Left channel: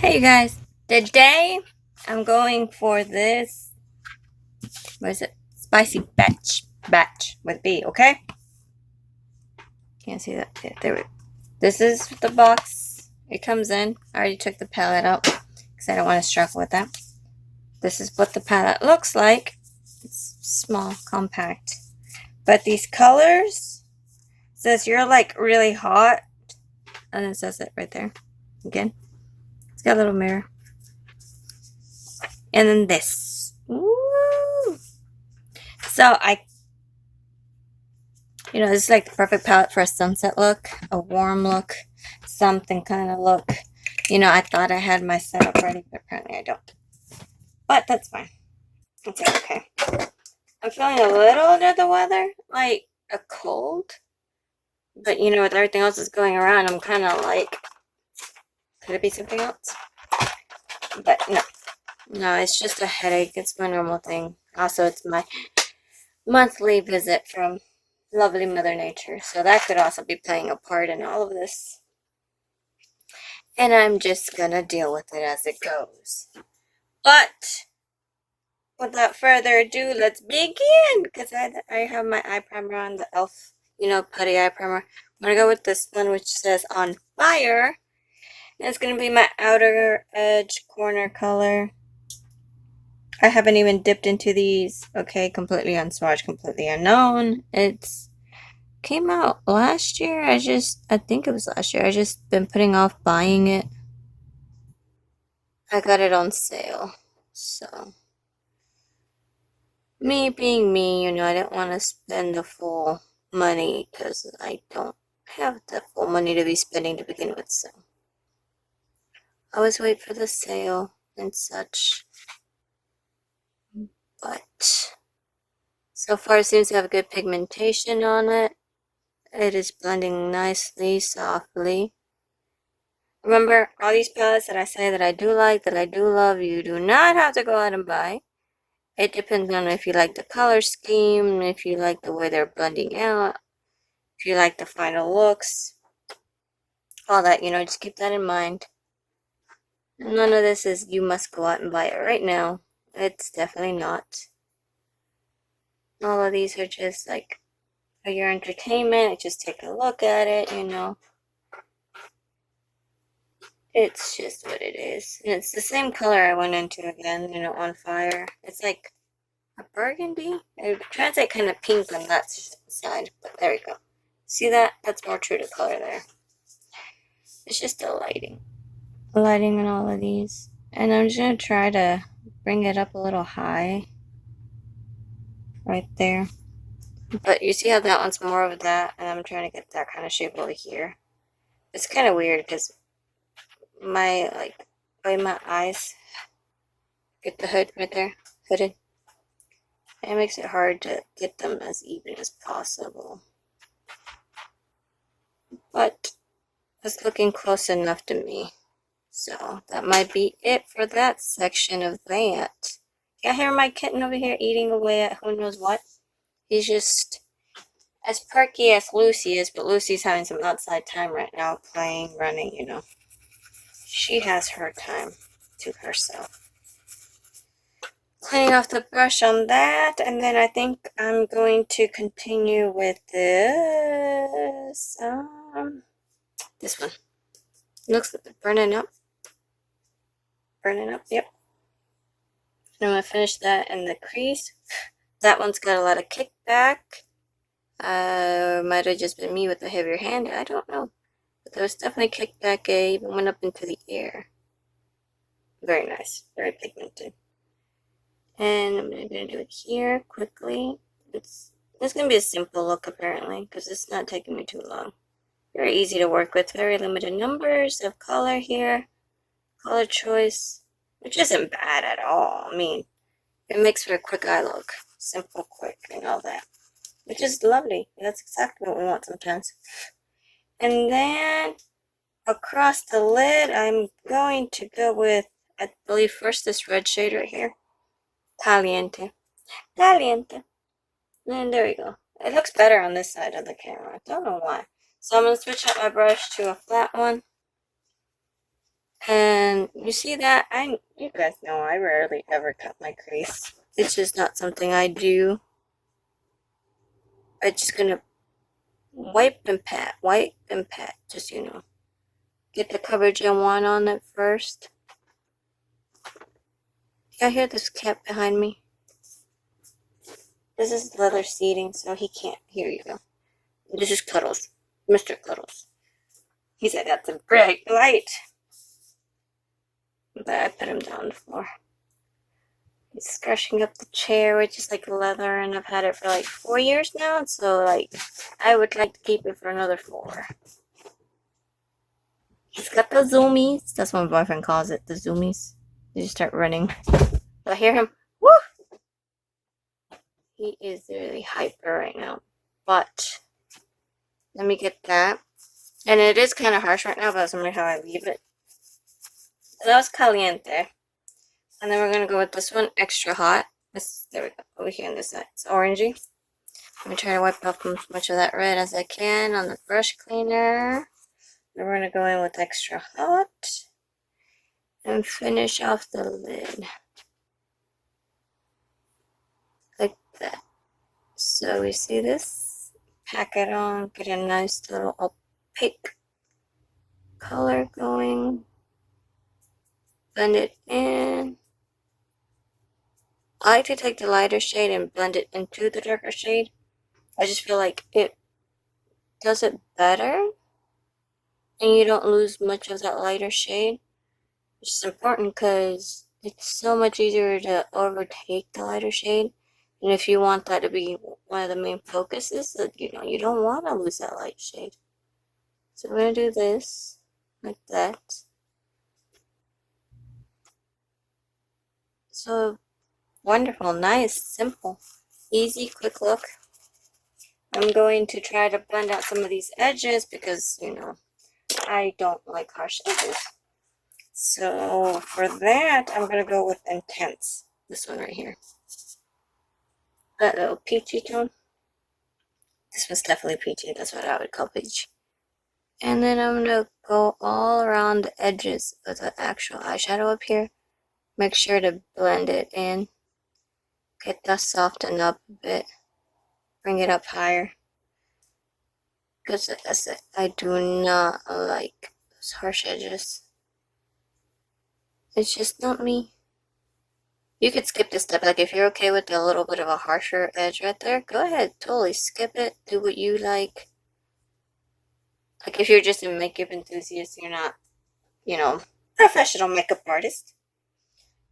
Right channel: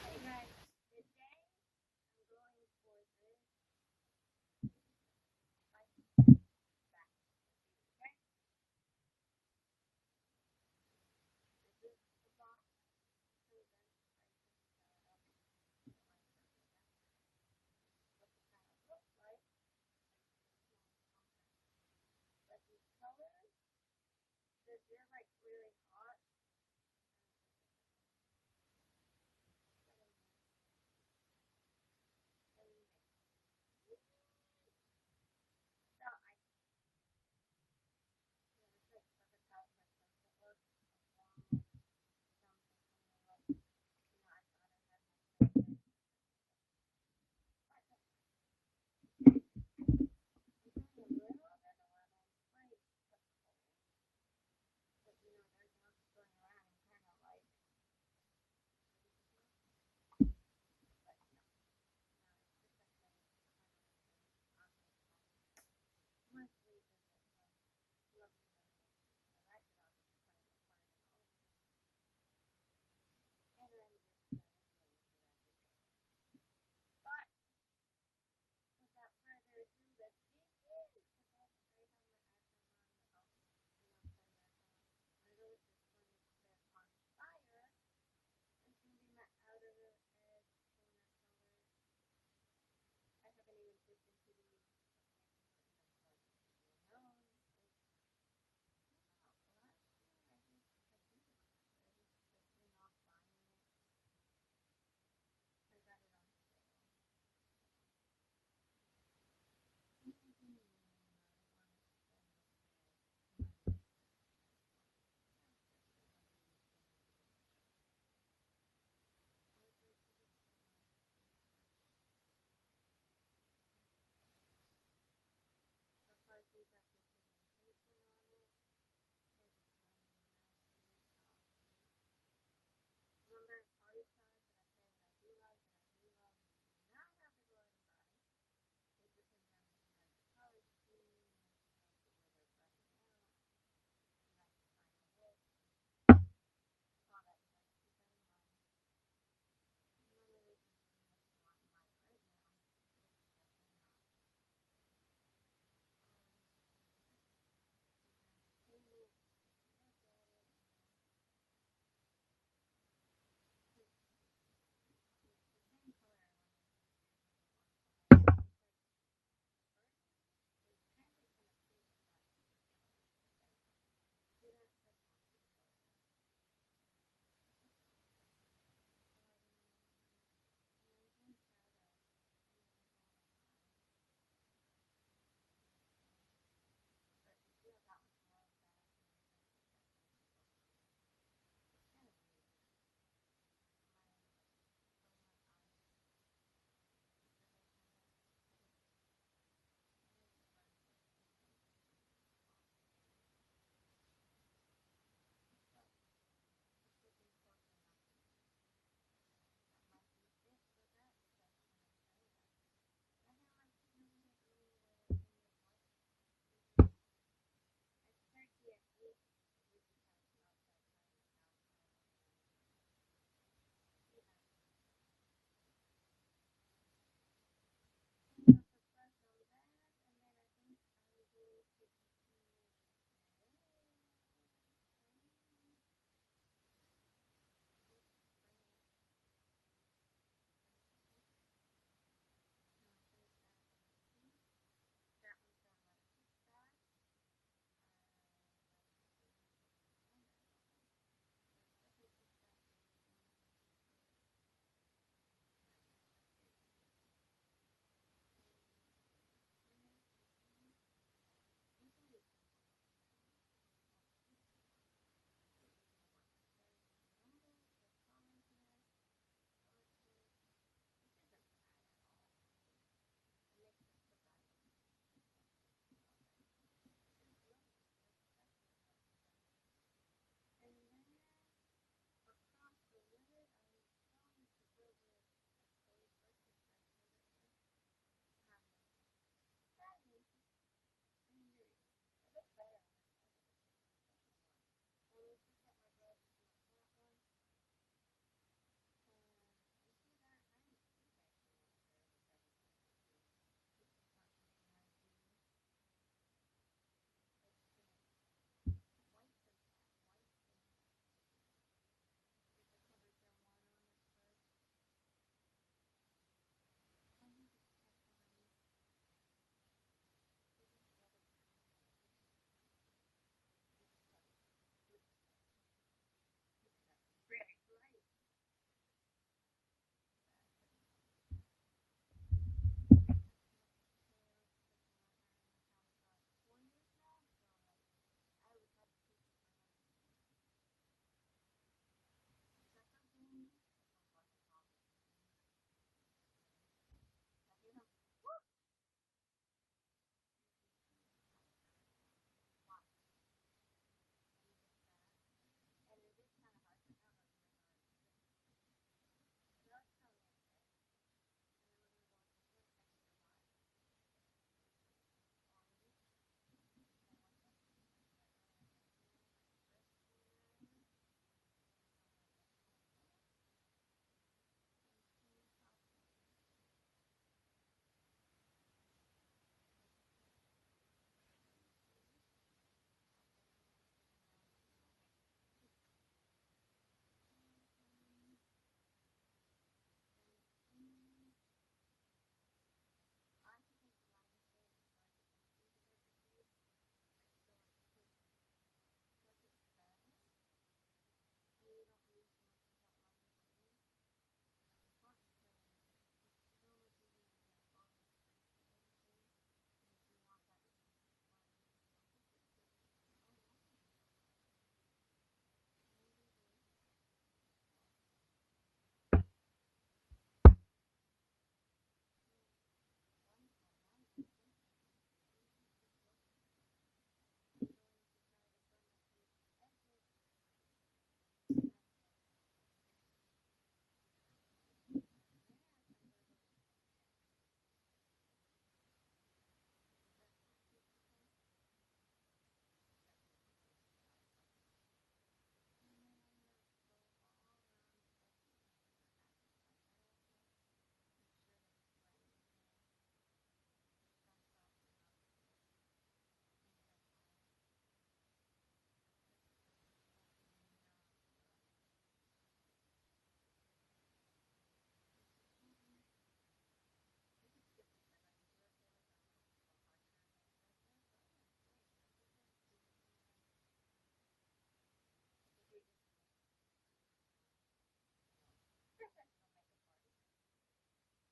Hey you guys, today I'm going for this, what is it? Spicy batch with B, okay? Can't see that. Yeah, there we go. This is the box it comes in. I already took the palette out because I don't want to struggle with that. This is what the palette looks like. It's small, compact. But these colors, says you're like really hot, and it says it right there. Again, it's got a little mirror. And then this. Woo! So this is like the perfect palette for a sunset look, a warm look, something kind of look. I thought I had my setup ready, but apparently I don't. But that's fine. It's okay. I'm feeling a little under the weather, like a cold. But with everything else that's going around, I'm kind of like, could it be something else? But no. No, it's just a headache. It's my normal thing. Also, it's my monthly visit from lovely Mother Nature. So that could also be playing a part in all of this. And I'm just gonna deal with it as it goes. But without further ado, let's begin. Because I have my eye primer on, the e.l.f. Putty eye primer. I'm gonna go with this one, which says On Fire. And it's gonna be my outer edge corner color. I haven't even dipped into these. Okay, completely unswatched, completely unknown. It's came out last year. I think it was last year. I just been putting off buying it. I got it on sale. So, me being me, I didn't want to spend the full money because I don't have the full money to be spending to begin with. So, I always wait for the sale and such. But so far, it seems to have good pigmentation on it. It is blending nicely, softly. Remember, all these palettes that I say that I do like, that I do love, you do not have to go out and buy. It depends on if you like the color scheme, if you like the way they're blending out, if you like the final looks, all that, just keep that in mind. None of this is you must go out and buy it right now. It's definitely not. All of these are just like for your entertainment. Just take a look at it, It's just what it is. And it's the same color I went into again, On Fire. It's like a burgundy. It would translate kind of pink on that side, but there we go. See that? That's more true to color there. It's just the lighting. The lighting on all of these. And I'm just going to try to bring it up a little high. Right there. But you see how that one's more of that, and I'm trying to get that kind of shape over here. It's kind of weird because my eyes get the hood right there, hooded. And it makes it hard to get them as even as possible. But it's looking close enough to me. So that might be it for that section of that. Y'all hear my kitten over here eating away at who knows what? He's just as perky as Lucy is, but Lucy's having some outside time right now, playing, running, She has her time to herself. Cleaning off the brush on that, and then I think I'm going to continue with this. This one. Looks like burning up. Burning up, yep. And I'm going to finish that in the crease. That one's got a lot of kickback. Might have just been me with a heavier hand, I don't know. But there was definitely kickback, it even went up into the air. Very nice, very pigmented. And I'm going to do it here quickly. It's going to be a simple look apparently, because it's not taking me too long. Very easy to work with, very limited numbers of color here. Color choice, which isn't bad at all. I mean, it makes for a quick eye look. Simple, quick, and all that. Which is lovely. That's exactly what we want sometimes. And then across the lid, I'm going to go with, I believe, first this red shade right here. Caliente. Caliente. And there we go. It looks better on this side of the camera. I don't know why. So I'm going to switch out my brush to a flat one. And you see that? You guys know I rarely ever cut my crease. It's just not something I do. I'm just gonna wipe and pat, just, get the coverage I want on it first. Yeah, I hear this cat behind me. This is leather seating, so he can't hear you though. This is Cuddles, Mr. Cuddles. He said that's a bright light. But I put him down on the floor. He's scratching up the chair, which is like leather, and I've had it for like 4 years now, so like I would like to keep it for another 4. He's got the zoomies. That's what my boyfriend calls it, the zoomies. You just start running. I hear him. Woo! He is really hyper right now. But let me get that. And it is kind of harsh right now, but that's only how I leave it. That was caliente. And then we're going to go with this one, extra hot. There we go, over here on this side. It's orangey. I'm going to try to wipe off as much of that red as I can on the brush cleaner. Then we're going to go in with extra hot. And finish off the lid. Like that. So we see this? Pack it on, get a nice little opaque color going. Blend it in. I like to take the lighter shade and blend it into the darker shade. I just feel like it does it better. And you don't lose much of that lighter shade. Which is important because it's so much easier to overtake the lighter shade. And if you want that to be one of the main focuses, that you don't want to lose that light shade. So we're going to do this, like that. So wonderful, nice, simple, easy, quick look. I'm going to try to blend out some of these edges because, I don't like harsh edges. So for that, I'm going to go with Intense. This one right here. That little peachy tone. This one's definitely peachy. That's what I would call peach. And then I'm going to go all around the edges of the actual eyeshadow up here. Make sure to blend it in. Get that soften up a bit. Bring it up higher. Because like I said, I do not like those harsh edges. It's just not me. You could skip this step. Like if you're okay with a little bit of a harsher edge right there, go ahead. Totally skip it. Do what you like. Like if you're just a makeup enthusiast, you're not, professional makeup artist.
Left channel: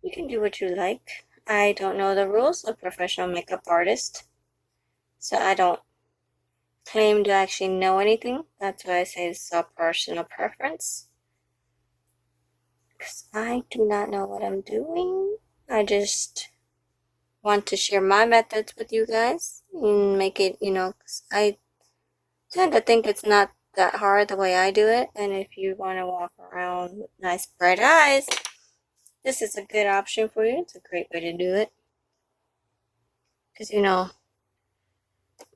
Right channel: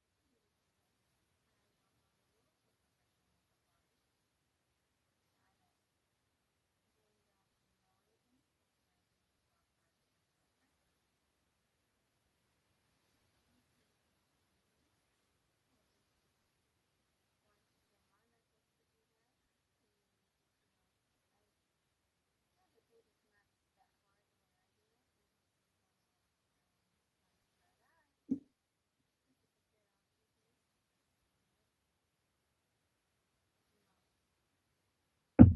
You can do what you like. I don't know the rules of professional makeup artist. So I don't claim to actually know anything. That's why I say it's a personal preference. Because I do not know what I'm doing. I just want to share my methods with you guys and make it, because I tend to think it's not that hard the way I do it. And if you want to walk around with nice bright eyes, this is a good option for you. It's a great way to do it. Because,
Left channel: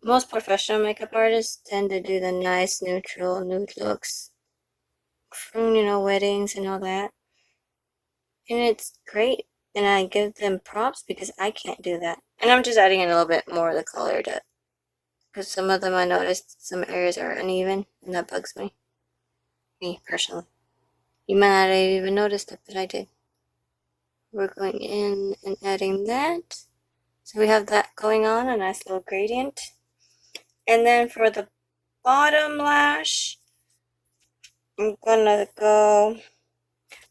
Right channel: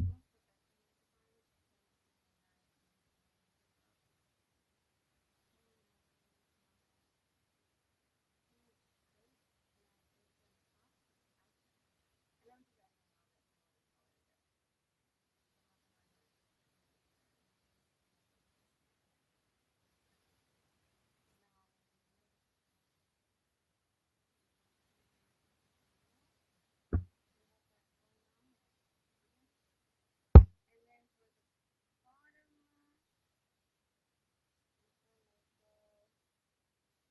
most professional makeup artists tend to do the nice neutral nude looks from, weddings and all that. And it's great. And I give them props because I can't do that. And I'm just adding in a little bit more of the color to, because some of them I noticed some areas are uneven and that bugs me personally. You might not have even noticed it, but I did. We're going in and adding that. So we have that going on, a nice little gradient. And then for the bottom lash, I'm gonna go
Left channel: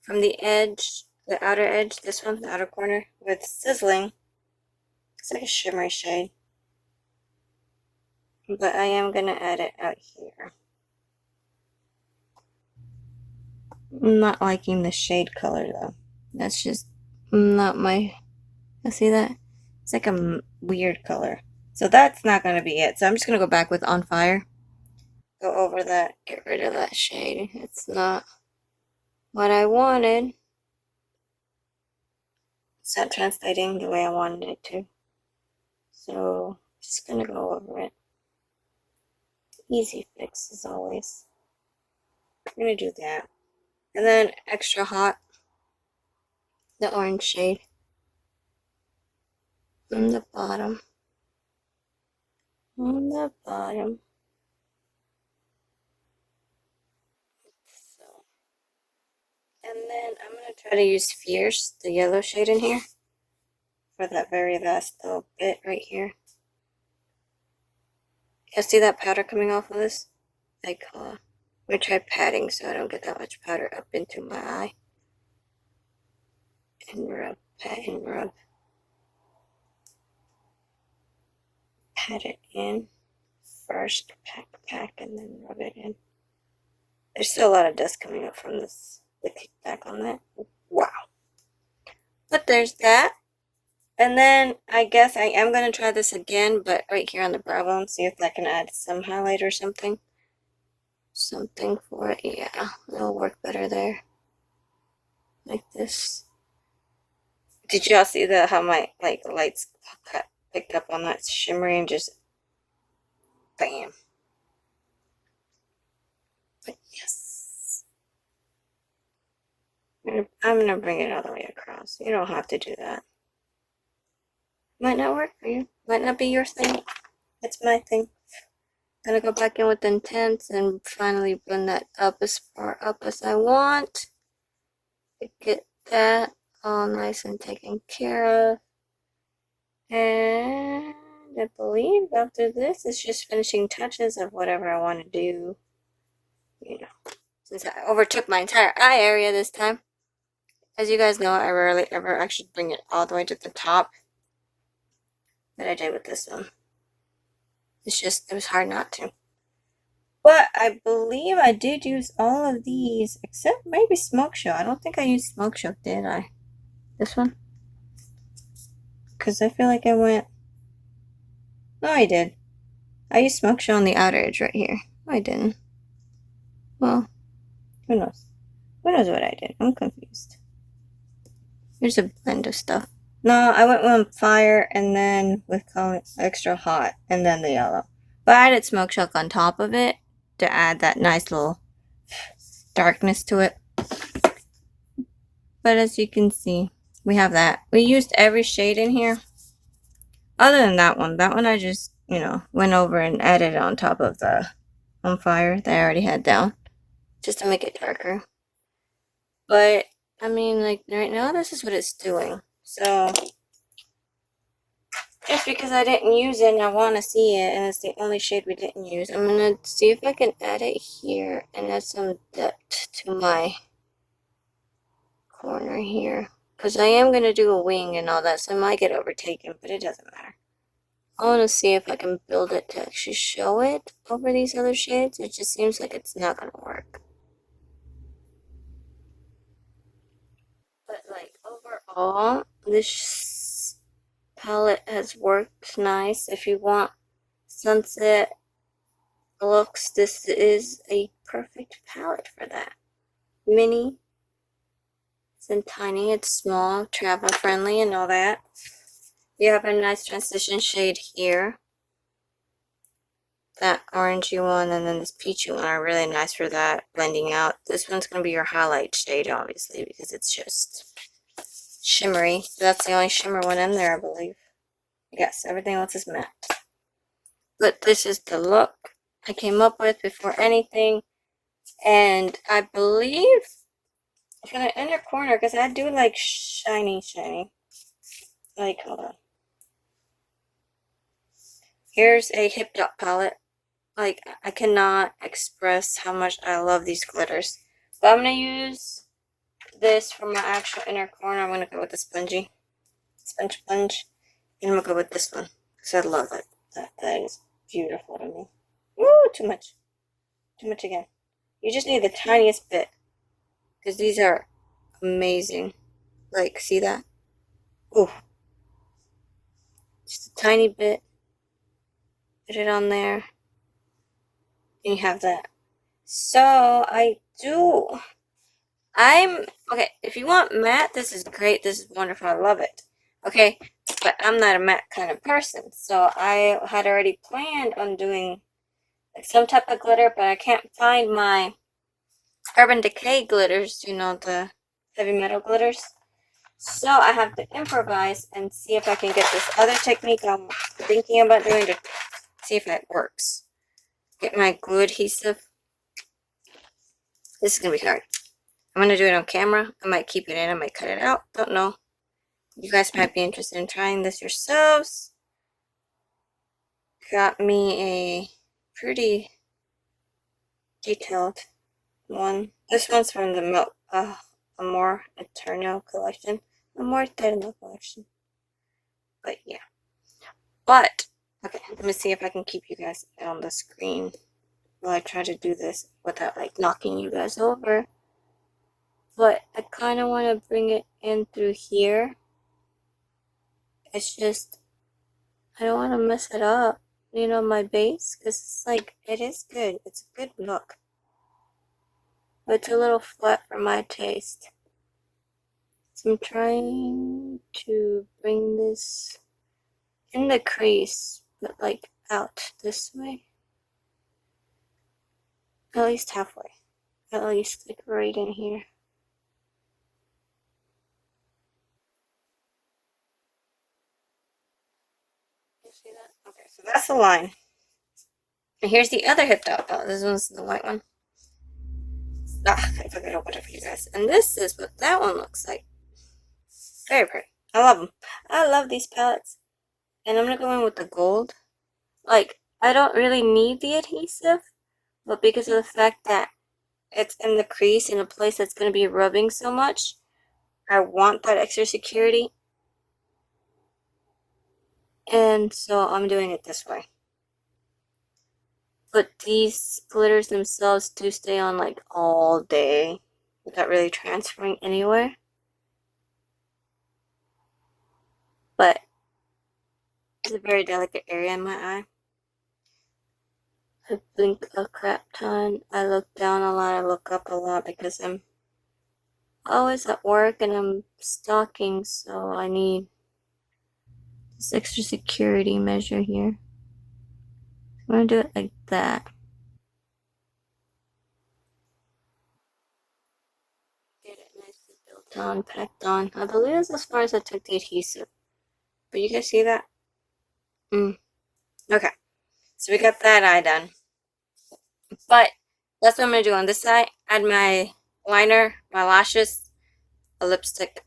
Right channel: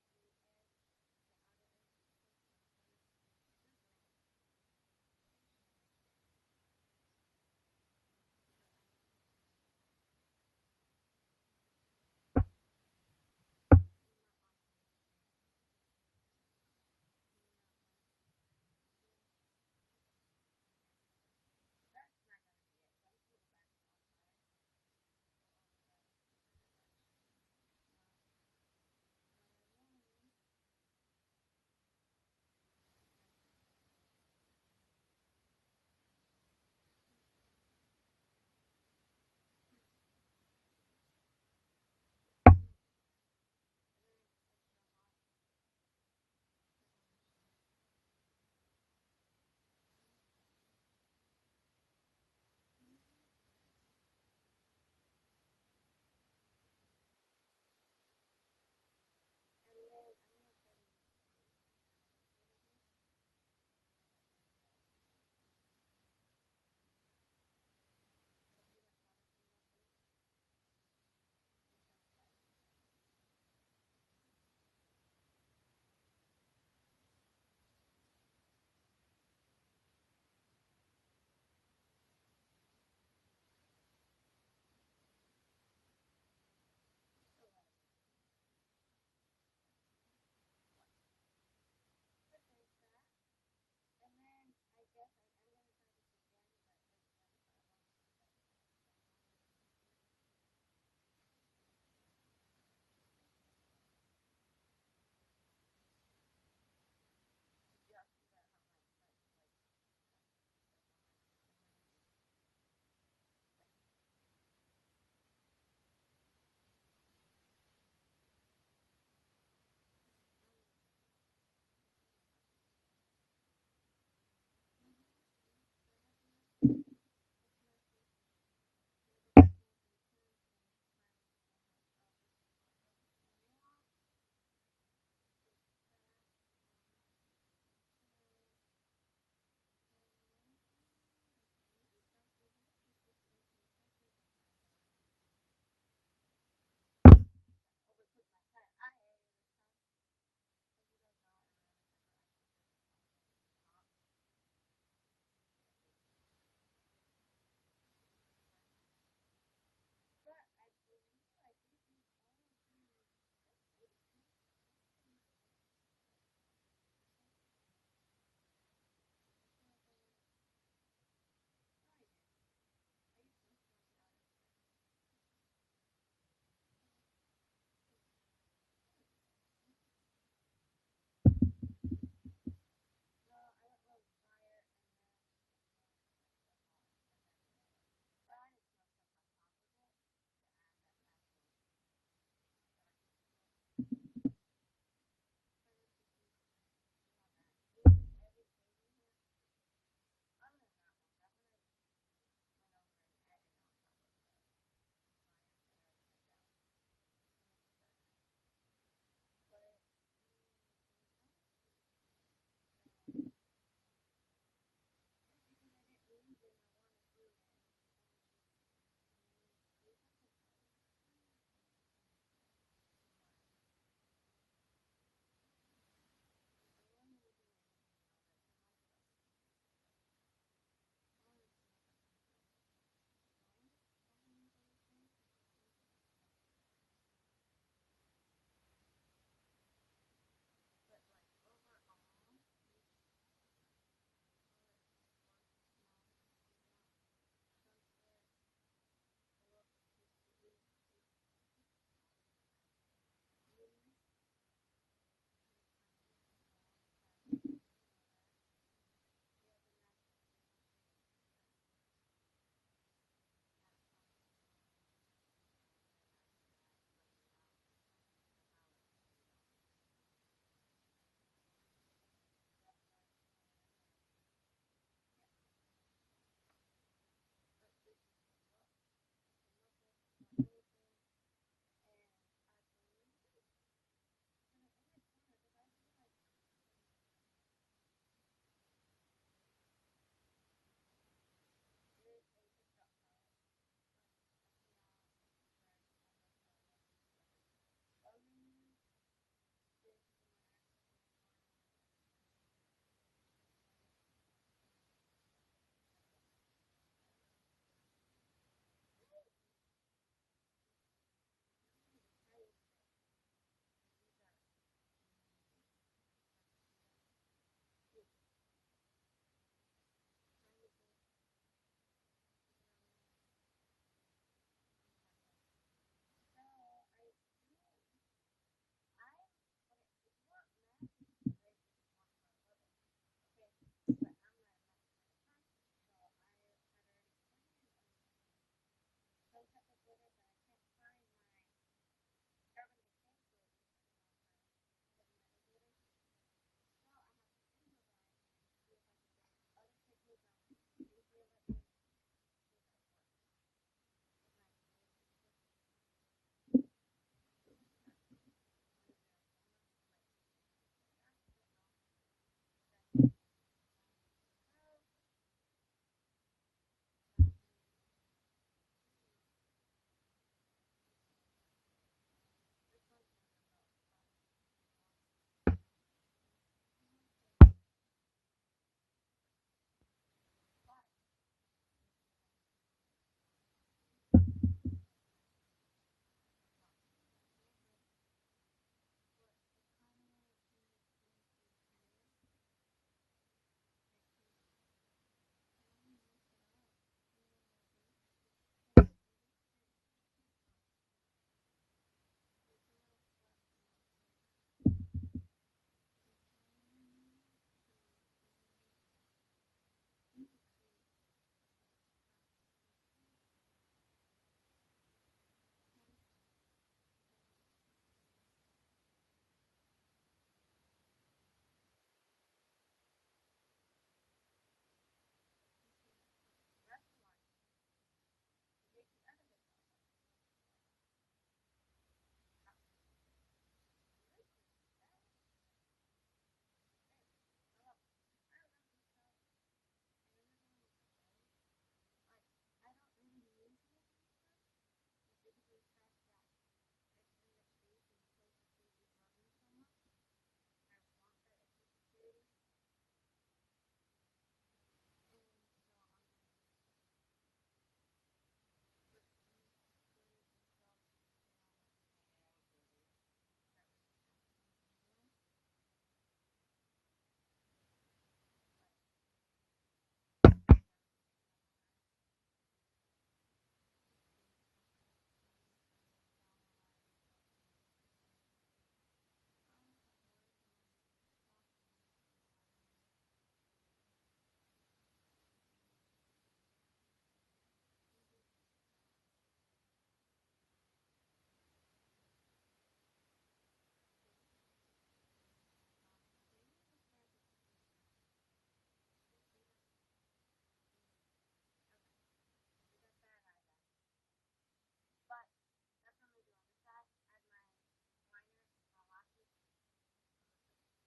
from the edge, the outer edge, this one, the outer corner, with Sizzling. It's like a shimmery shade. But I am gonna add it out here. I'm not liking the shade color though. That's just not my, see that? It's like a weird color. So that's not gonna be it. So I'm just gonna go back with On Fire. Go over that, get rid of that shade. It's not what I wanted. It's not translating the way I wanted it to. So just gonna go over it. Easy fix as always. I'm gonna do that. And then Extra Hot, the orange shade on the bottom. On the bottom. So, and then I'm going to try to use Fierce, the yellow shade in here, for that very last little bit right here. You see that powder coming off of this? Like, I'm going to try patting so I don't get that much powder up into my eye. And rub, pat and rub. Pat it in. First, pack, and then rub it in. There's still a lot of dust coming up from this, the kickback on that. Wow. But there's that. And then I guess I am going to try this again, but right here on the brow bone, see if I can add some highlight or something. Something for it. Yeah, it'll work better there. Like this. Did y'all see how my lights picked up on that shimmery and just bam. But yes. I'm gonna bring it all the way across. You don't have to do that. Might not work for you. Might not be your thing. It's my thing. Gonna go back in with Intense and finally blend that up as far up as I want. To get that all nice and taken care of. And I believe after this, it's just finishing touches of whatever I want to do. You know, since I overtook my entire eye area this time. As you guys know, I rarely ever actually bring it all the way to the top. But I did with this one. It was hard not to. But I believe I did use all of these, except maybe Smoke Show. I don't think I used Smoke Show, did I? This one? Because I feel like I went... No, I did. I used Smoke Show on the outer edge right here. No, I didn't. Well, who knows? Who knows what I did? I'm confused. Here's a blend of stuff. No, I went with Fire and then with Extra Hot and then the yellow. But I added Smoke Show on top of it to add that nice little darkness to it. But as you can see, we have that. We used every shade in here. Other than that one. That one I just, went over and added on top of the On Fire that I already had down. Just to make it darker. But, I mean, like, right now, this is what it's doing. So, just because I didn't use it and I want to see it, and it's the only shade we didn't use, I'm going to see if I can add it here and add some depth to my corner here. Because I am going to do a wing and all that, so I might get overtaken, but it doesn't matter. I want to see if I can build it to actually show it over these other shades. It just seems like it's not going to work. But, like, overall, this palette has worked nice. If you want sunset looks, this is a perfect palette for that. Mini, it's tiny, it's small, travel friendly and all that. You have a nice transition shade here. That orangey one and then this peachy one are really nice for that blending out. This one's going to be your highlight shade, obviously, because it's just shimmery. That's the only shimmer one in there, I believe. Yes, everything else is matte. But this is the look I came up with before anything. And I believe for the inner corner, because I do like shiny. Like, hold on. Here's a Hip Dot palette. Like, I cannot express how much I love these glitters. But I'm going to use this for my actual inner corner. I'm going to go with the sponge. And I'm going to go with this one. Because I love it. That is beautiful to me. Ooh, too much. Too much again. You just need the tiniest bit. Because these are amazing. Like, see that? Ooh. Just a tiny bit. Put it on there. And you have that. So, okay, if you want matte, this is great. This is wonderful. I love it. Okay, but I'm not a matte kind of person. So, I had already planned on doing like some type of glitter, but I can't find my Urban Decay glitters, you know, the heavy metal glitters. So I have to improvise and see if I can get this other technique I'm thinking about doing to see if it works. Get my glue adhesive. This is going to be hard. I'm going to do it on camera. I might keep it in. I might cut it out. Don't know. You guys might be interested in trying this yourselves. Got me a pretty detailed one. This one's from the Amor Eterno collection. Amor Eterno collection. But yeah. But, okay, let me see if I can keep you guys on the screen while I try to do this without, like, knocking you guys over. But I kind of want to bring it in through here. It's just, I don't want to mess it up, you know, my base, because it's like, it is good. It's a good look. But it's a little flat for my taste. So I'm trying to bring this in the crease, but like out this way. At least halfway. At least like right in here. You see that? Okay, so that's the line. And here's the other hip dot. Oh, this one's the white one. Ah, I forgot to open it for you guys. And this is what that one looks like. Very pretty. I love them. I love these palettes. And I'm gonna go in with the gold. Like, I don't really need the adhesive, but because of the fact that it's in the crease in a place that's gonna be rubbing so much, I want that extra security. And so I'm doing it this way. But these glitters themselves do stay on like all day without really transferring anywhere. But it's a very delicate area in my eye. I blink a crap ton. I look down a lot. I look up a lot because I'm always at work and I'm stalking, so I need this extra security measure here. I'm gonna do it like that. Get it nicely built on, packed on. I believe that's as far as I took the adhesive. But you guys see that? Okay. So we got that eye done. But that's what I'm gonna do on this side. Add my liner, my lashes, a lipstick.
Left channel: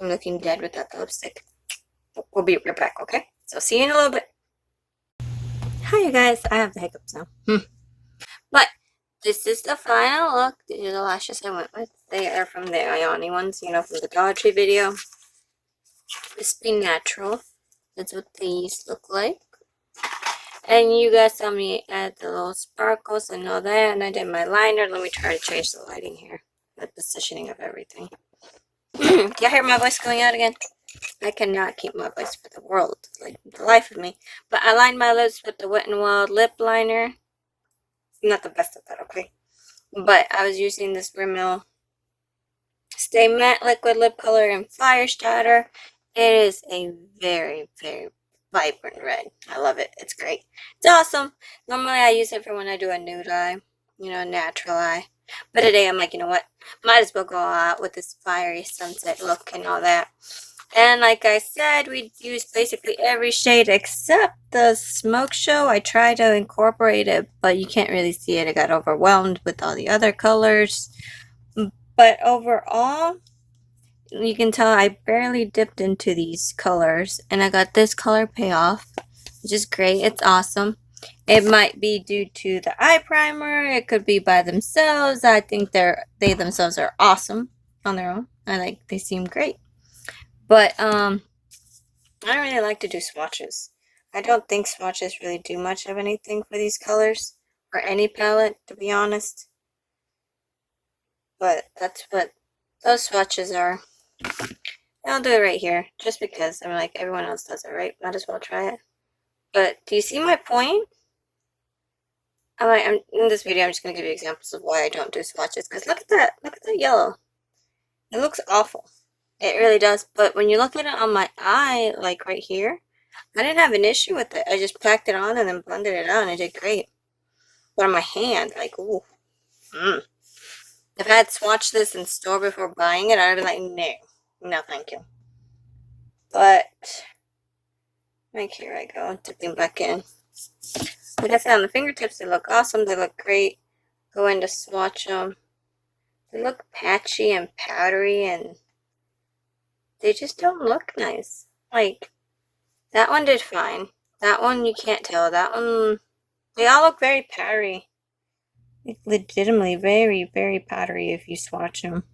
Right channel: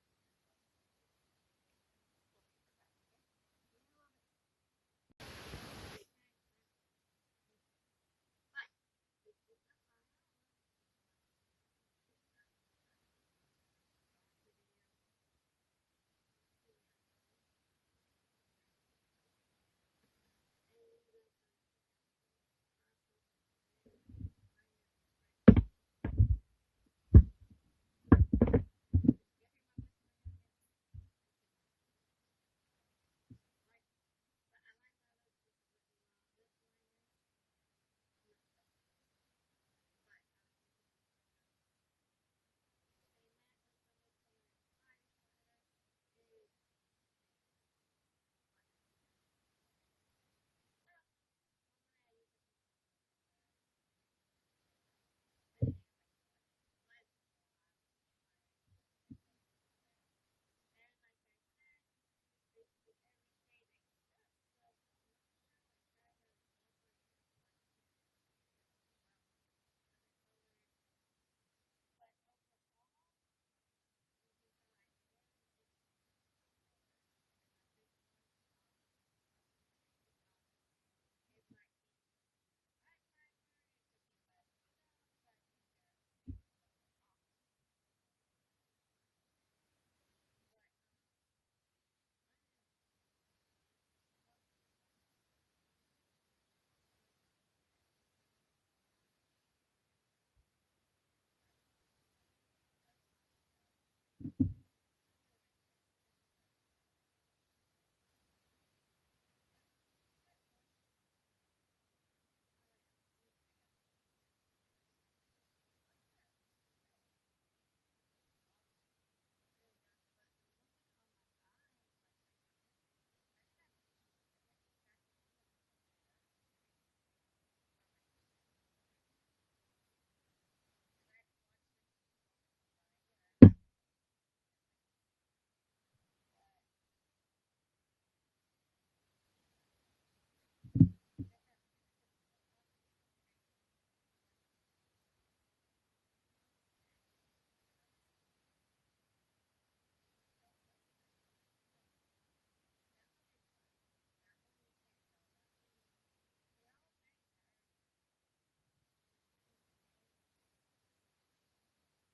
I'm looking dead without the lipstick. We'll be right back, okay? So see you in a little bit. Hi, you guys. I have the hiccups now. But this is the final look. These are the lashes I went with. They are from the Ioni ones, you know, from the Dollar Tree video. Crispy Natural. That's what these look like. And you guys saw me add the little sparkles and all that. And I did my liner. Let me try to change the lighting here. The positioning of everything. Can you hear my voice going out again? I cannot keep my voice for the world, like the life of me. But I lined my lips with the Wet n Wild lip liner. I'm not the best at that, okay? But I was using this Rimmel Stay Matte Liquid Lip Color in Fire Starter. It is a very, very vibrant red. I love it. It's great. It's awesome. Normally I use it for when I do a nude eye, you know, a natural eye. But today I'm like, you know what? Might as well go out with this fiery sunset look and all that. And like I said, we used basically every shade except the Smoke Show. I tried to incorporate it, but you can't really see it. I got overwhelmed with all the other colors. But overall, you can tell I barely dipped into these colors. And I got this color Payoff, which is great. It's awesome. It might be due to the eye primer. It could be by themselves. I think they themselves are awesome on their own. They seem great. But I don't really like to do swatches. I don't think swatches really do much of anything for these colors or any palette, to be honest. But that's what those swatches are. I'll do it right here, just because I'm like everyone else does it, right? Might as well try it. But do you see my point? I'm in this video. I'm just gonna give you examples of why I don't do swatches. Cause look at that yellow. It looks awful. It really does. But when you look at it on my eye, like right here, I didn't have an issue with it. I just packed it on and then blended it out, and it did great. But on my hand, like, ooh, If I had swatched this in store before buying it, I'd be like, no, thank you. But, like, here I go, dipping back in. Like I said, on the fingertips, they look awesome. They look great. Go in to swatch them. They look patchy and powdery, and they just don't look nice. Like, that one did fine. That one, you can't tell. That one, they all look very powdery. Like, legitimately very, very powdery if you swatch them.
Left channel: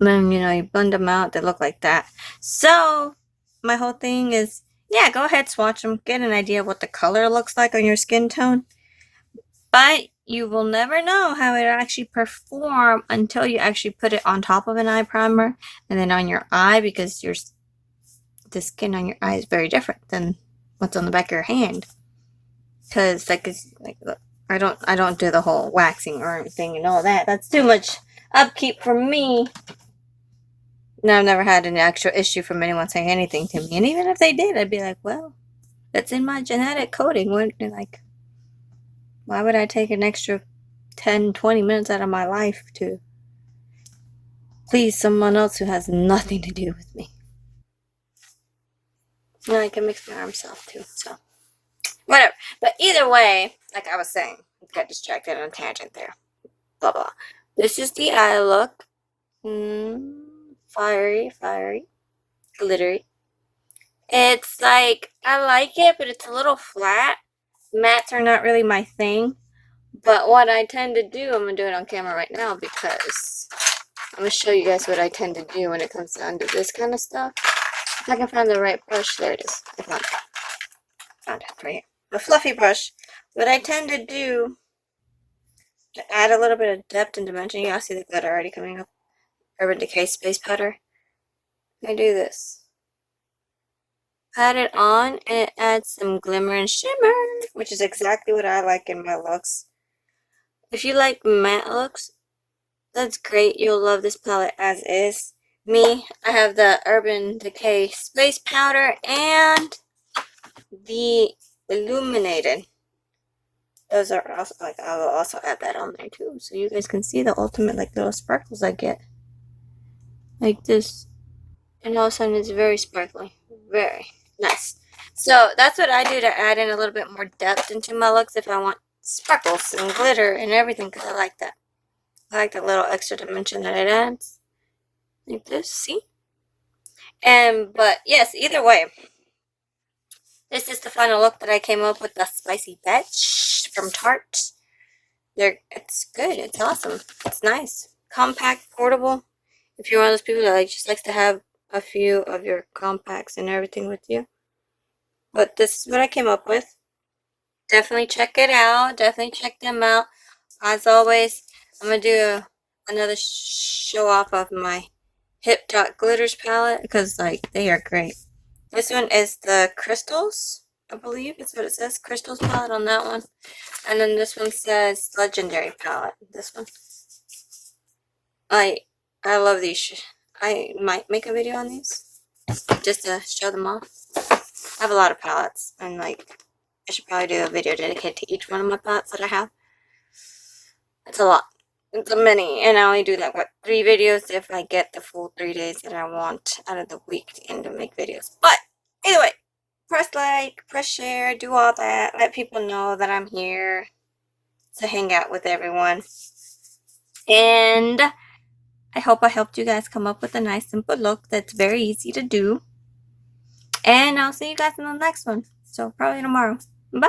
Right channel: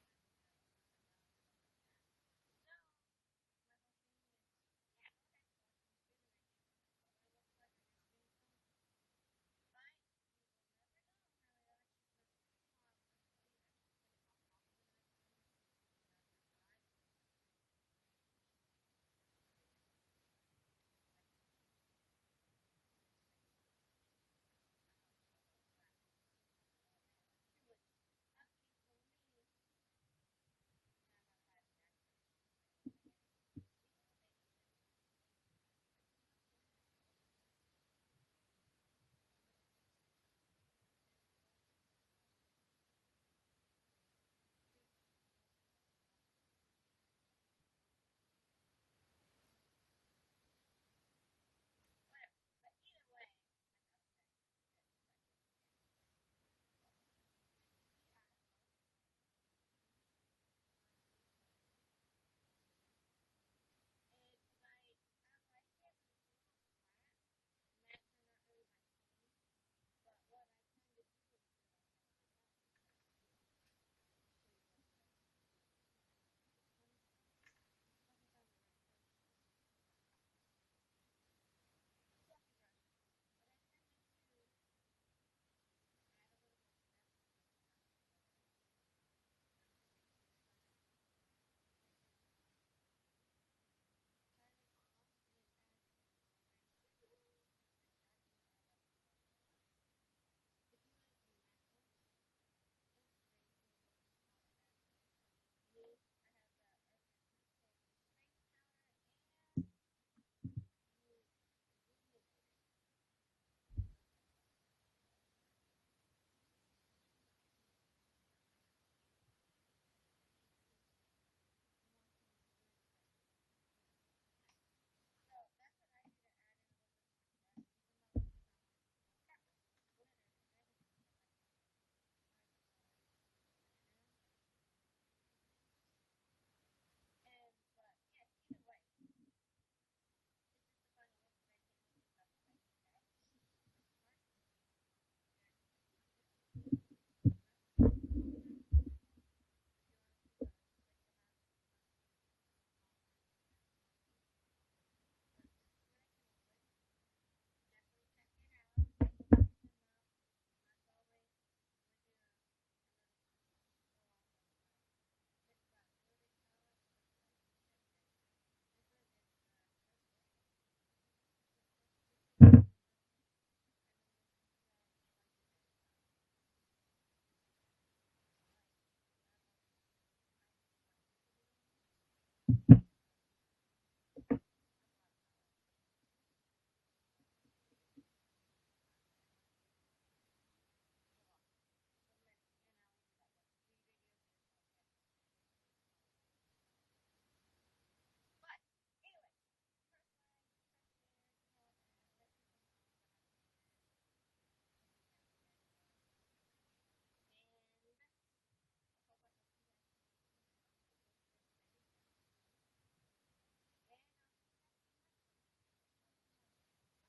And then, you blend them out, they look like that. So, my whole thing is, yeah, go ahead, swatch them. Get an idea of what the color looks like on your skin tone. But you will never know how it actually perform until you actually put it on top of an eye primer and then on your eye, because the skin on your eye is very different than what's on the back of your hand. Because look, I don't do the whole waxing or anything and all that. That's too much upkeep for me. No, I've never had an actual issue from anyone saying anything to me. And even if they did, I'd be like, well, that's in my genetic coding. Why would I take an extra 10, 20 minutes out of my life to please someone else who has nothing to do with me? No, I can mix my arms off too, so whatever. But either way, like I was saying, got distracted on a tangent there. Blah blah. This is the eye look. Fiery, glittery. It's like, I like it, but it's a little flat. Mattes are not really my thing. But what I tend to do, I'm going to do it on camera right now because I'm going to show you guys what I tend to do when it comes down to this kind of stuff. If I can find the right brush, there it is. I found it right here. The fluffy brush. What I tend to do to add a little bit of depth and dimension, you guys see the glitter already coming up. Urban Decay Space Powder. I do this. Pat it on and it adds some glimmer and shimmer, which is exactly what I like in my looks. If you like matte looks, that's great. You'll love this palette as is. Me, I have the Urban Decay Space Powder and the Illuminated. Those are also, like, I will also add that on there too, so you guys can see the ultimate, like, little sparkles I get. Like this. And all of a sudden it's very sparkly. Very nice. So that's what I do to add in a little bit more depth into my looks if I want sparkles and glitter and everything, because I like that. I like the little extra dimension that it adds. Like this, see? But yes, either way, this is the final look that I came up with, the Spicy Betch from Tarte. It's good. It's awesome. It's nice. Compact, portable. If you're one of those people that just likes to have a few of your compacts and everything with you. But this is what I came up with. Definitely check it out. Definitely check them out. As always, I'm going to do another show off of my Hip Dot Glitters palette because, like, they are great. This one is the Crystals, I believe it's what it says. Crystals palette on that one. And then this one says Legendary palette. This one. I love these. I might make a video on these just to show them off. I have a lot of palettes, and like I should probably do a video dedicated to each one of my palettes that I have. It's a lot. It's a many, and I only do like 3 videos if I get the full 3 days that I want out of the week to end to make videos. But either way, press like, press share, do all that. Let people know that I'm here to hang out with everyone. And I hope I helped you guys come up with a nice simple look that's very easy to do. And I'll see you guys in the next one. So probably tomorrow. Bye.